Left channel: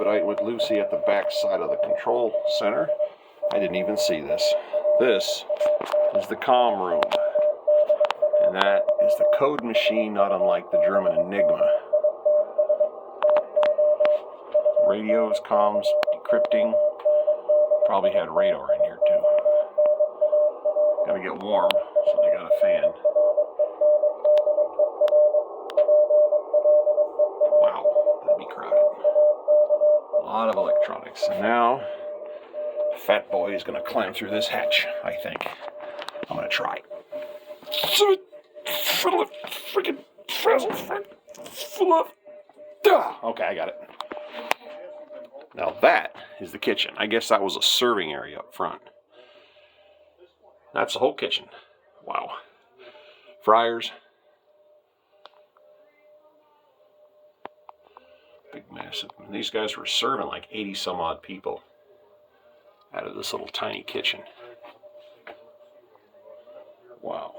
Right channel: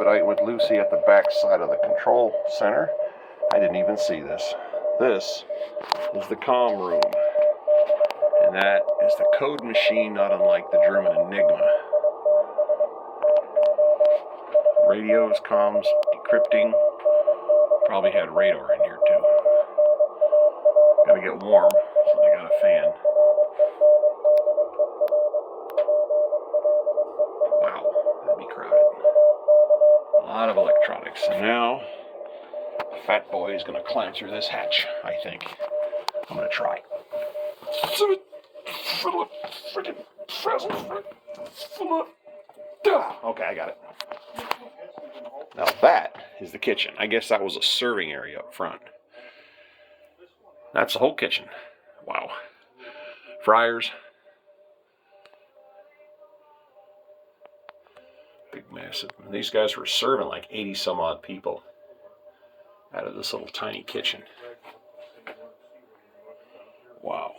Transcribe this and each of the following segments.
expedite with Lucy at the back side of the control center. I didn't even see this. This is the comm room. And that is the code machine, not unlike the German Enigma. Radios, comms, decrypting. Probably had radar in here too. Gotta get warm, so they got a fan. Wow, that'd be crowded. A lot of electronics. And now, Fat Boy is gonna climb through this hatch, I think. I'm gonna try. Freaking present. Okay, I got it. Now that is the kitchen. I guess that was a serving area up front. That's the whole kitchen. Wow. Fryers. Big, massive. And these guys were serving like 80 some odd people out of this little tiny kitchen. Wow.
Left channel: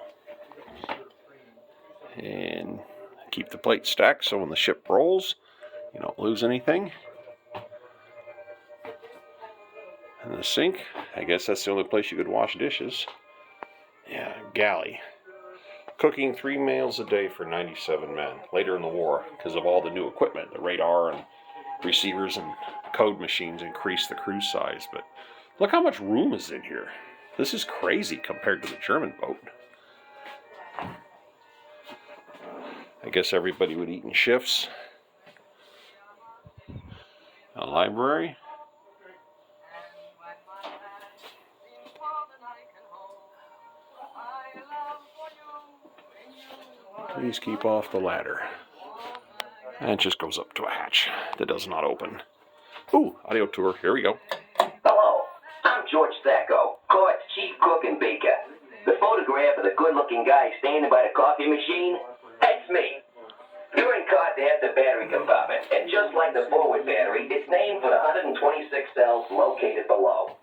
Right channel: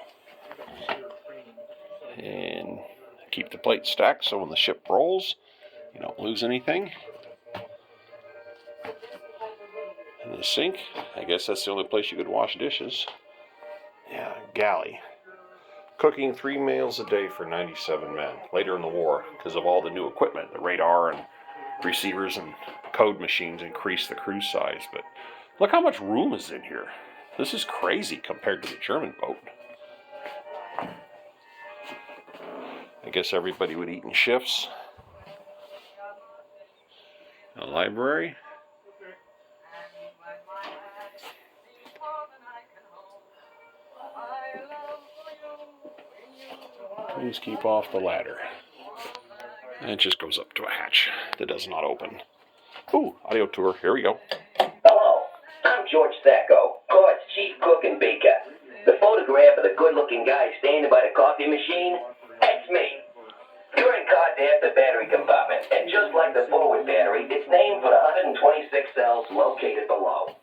And keep the plate stacked so when the ship rolls, you don't lose anything. And the sink, I guess that's the only place you could wash dishes. Yeah, galley. Cooking 3 meals a day for 97 men. Later in the war, because of all the new equipment, the radar and receivers and code machines increased the crew size. But look how much room is in here. This is crazy compared to the German boat. I guess everybody would eat in shifts. A library. Please keep off the ladder. And it just goes up to a hatch that does not open. Ooh, audio tour. Here we go. Hello, I'm George Sacco, Cod's chief cook and baker. The photograph of the good-looking guy standing by the coffee machine, that's me. You're in Cod's after battery compartment, and just like the forward battery, it's named for the 126 cells located below.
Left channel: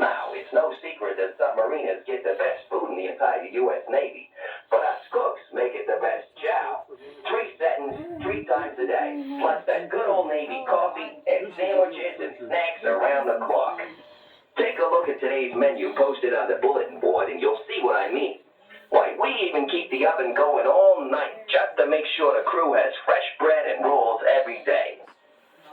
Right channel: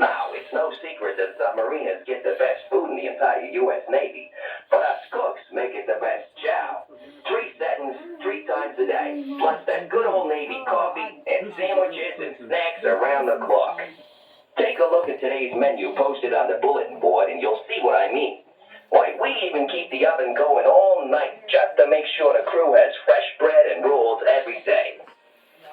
Now, it's no secret that submariners get the best food in the entire U.S. Navy, but us cooks make it the best chow. 3 seconds, 3 times a day, plus that good old Navy coffee and sandwiches and snacks around the clock. Take a look at today's menu posted on the bulletin board and you'll see what I mean. Why, we even keep the oven going all night just to make sure the crew has fresh bread and rolls every day.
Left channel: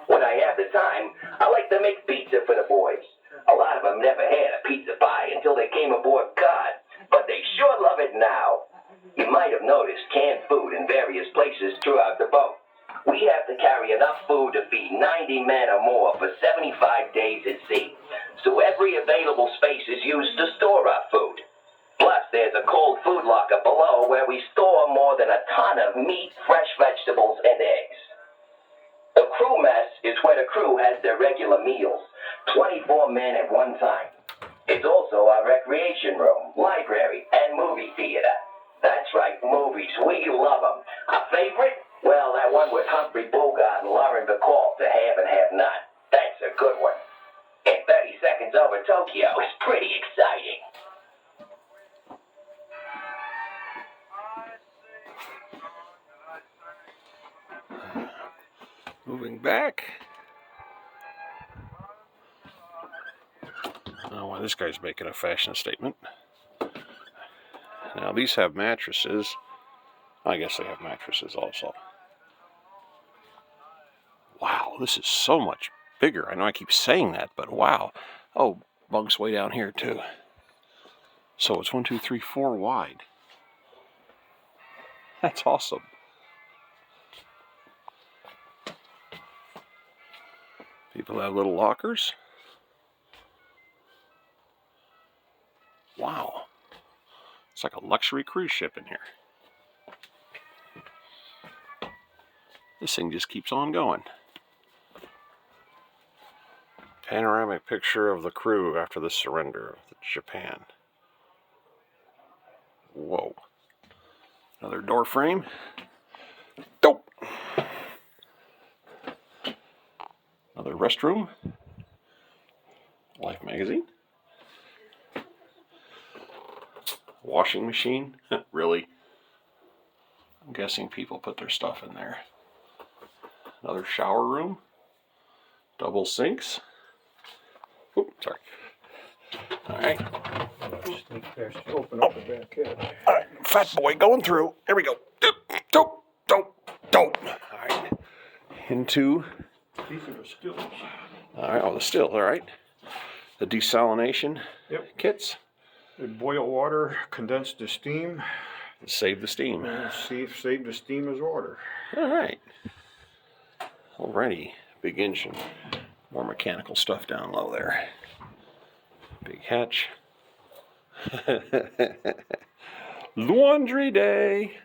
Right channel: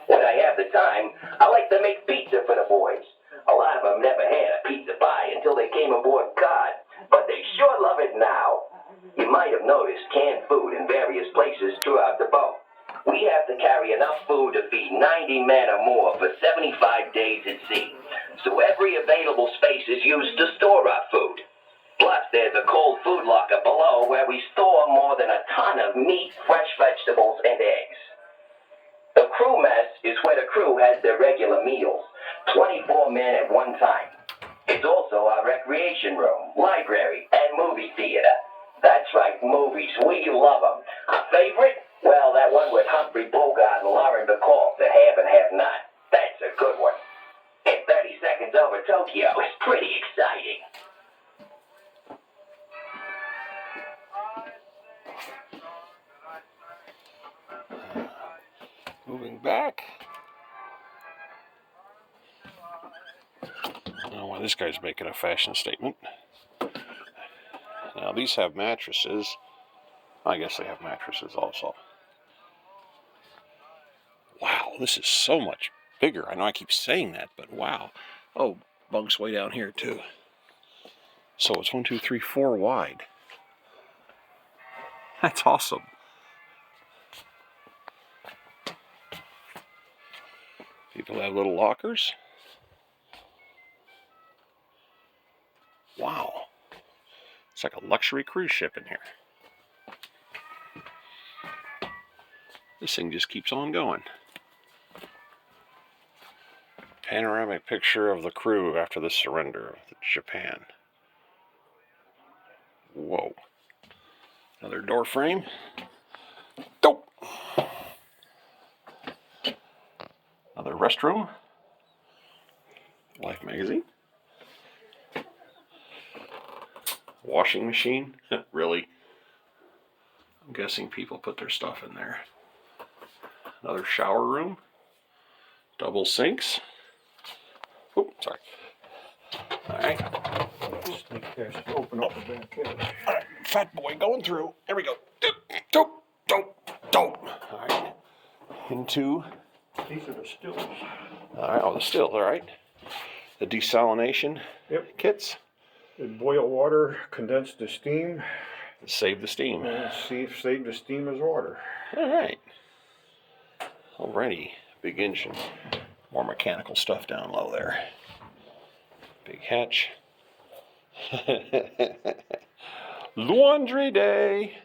When I have the time, I like to make pizza for the boys. A lot of them never had a pizza pie until they came aboard Cod, but they sure love it now. You might have noticed canned food in various places throughout the boat. We have to carry enough food to feed 90 men or more for 75 days at sea. So every available space is used to store our food. Plus, there's a cold food locker below where we store more than a ton of meat, fresh vegetables, and eggs. The crew mess is where the crew has their regular meals, 24 men at one time. It's also our recreation room, library, and movie theater. That's right, movies. We love them. Our favorite? Well, that one with Humphrey Bogart and Lauren Bacall, The Have and Have Not. That's a good one. And 30 Seconds Over Tokyo is pretty exciting. Moving back. I don't know why this guy's making a fashion statement. Now these have mattresses. I guess they have mattresses also. Wow, this is so much bigger. I know I keep saying that, but wow. Oh, bunks way down here too. So it's 1, 2, 3, 4 wide. That's awesome. People have little lockers. Wow. It's like a luxury cruise ship in here. This thing just keeps on going. Panoramic picture of the crew after the surrender of Japan. Whoa. Another door frame. Dope. Another restroom. Life magazine. Washing machine. Really? I'm guessing people put their stuff in there. Another shower room. Double sinks. Oh, sorry. All right. Sneak past, open up the back edge. All right, fat boy going through. There we go. Don't. All right. Into. These are the stills. All right. Oh, the still. All right. The desalination kits. They boil water, condense the steam, Save the steam. save the steam as water. All right. Alrighty. Big engine. More mechanical stuff down low there. Big hatch. Laundry day.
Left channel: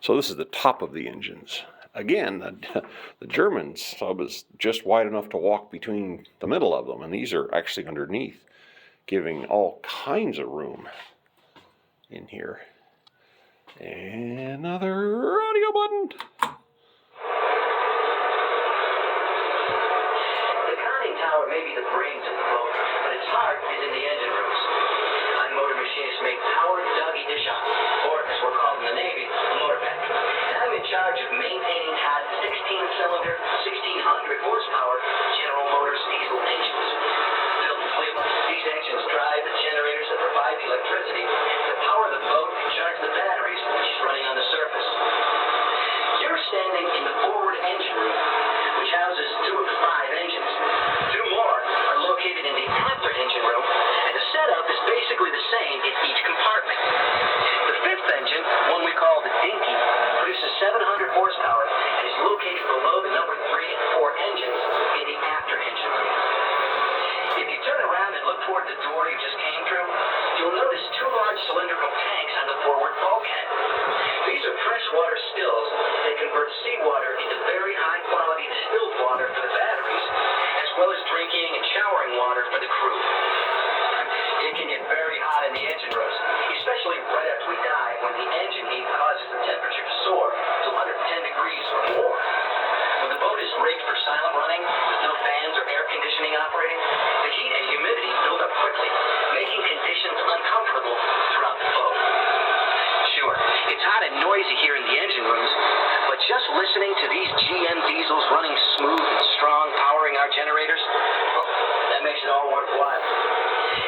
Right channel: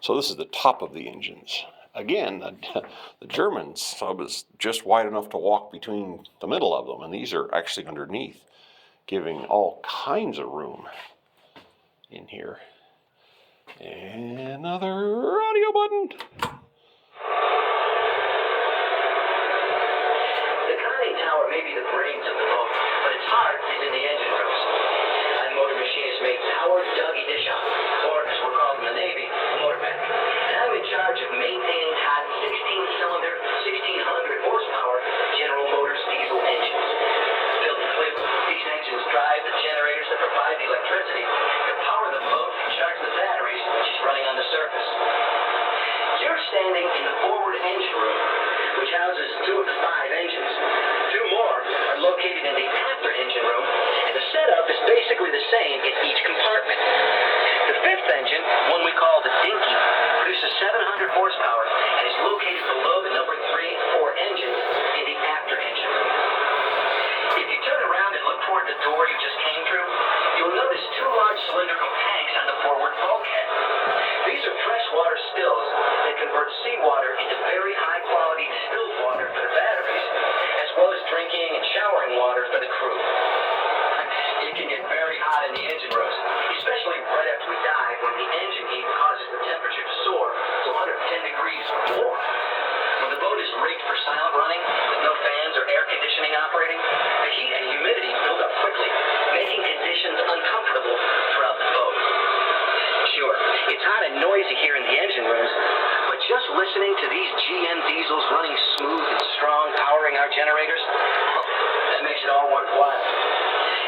So this is the top of the engines. Again, the German sub is just wide enough to walk between the middle of them, and these are actually underneath, giving all kinds of room in here. Another audio button. The conning tower may be the brains of the boat, but its heart is in the engine rooms. I'm motor machinist mate Howard Dougie Deschamps, or as we're called in the Navy, motorman. And I'm in charge of maintaining Todd's 16-cylinder, 1,600 horsepower General Motors diesel engines. Built in Cleveland, these engines drive the generators that provide the electricity to power the boat and charge the batteries, which is running on the surface. You're standing in the forward engine room, which houses 2 of the 5 engines. 2 more are located in the after engine room, and the setup is basically the same in each compartment. The 5th engine, one we call the Dinky, produces 700 horsepower and is located below the number 3 and 4 engines in the after engine room. If you turn around and look toward the door you just came through, you'll notice 2 large cylindrical tanks on the forward bulkhead. These are freshwater stills that convert seawater into very high-quality distilled water for the batteries, as well as drinking and showering water for the crew. It can get very hot in the engine rooms, especially right after we dive when the engine heat causes the temperature to soar to 110 degrees or more. When the boat is rigged for silent running, with no fans or air conditioning operating, the heat and humidity build up quickly, making conditions uncomfortable throughout the boat. Sure, it's hot and noisy here in the engine rooms, but just listening to these GM diesels running smooth and strong, powering our generators, that makes it all worthwhile.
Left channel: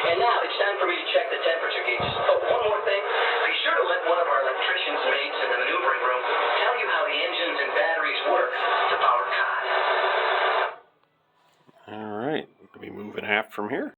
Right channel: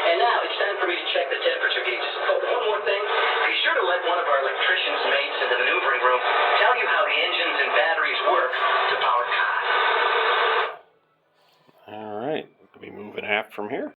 And now it's time for me to check the temperature gauges. Oh, one more thing. Be sure to let one of our electricians mates in the maneuvering room tell you how the engines and batteries work to power Cod. All right. Let me move it half from here.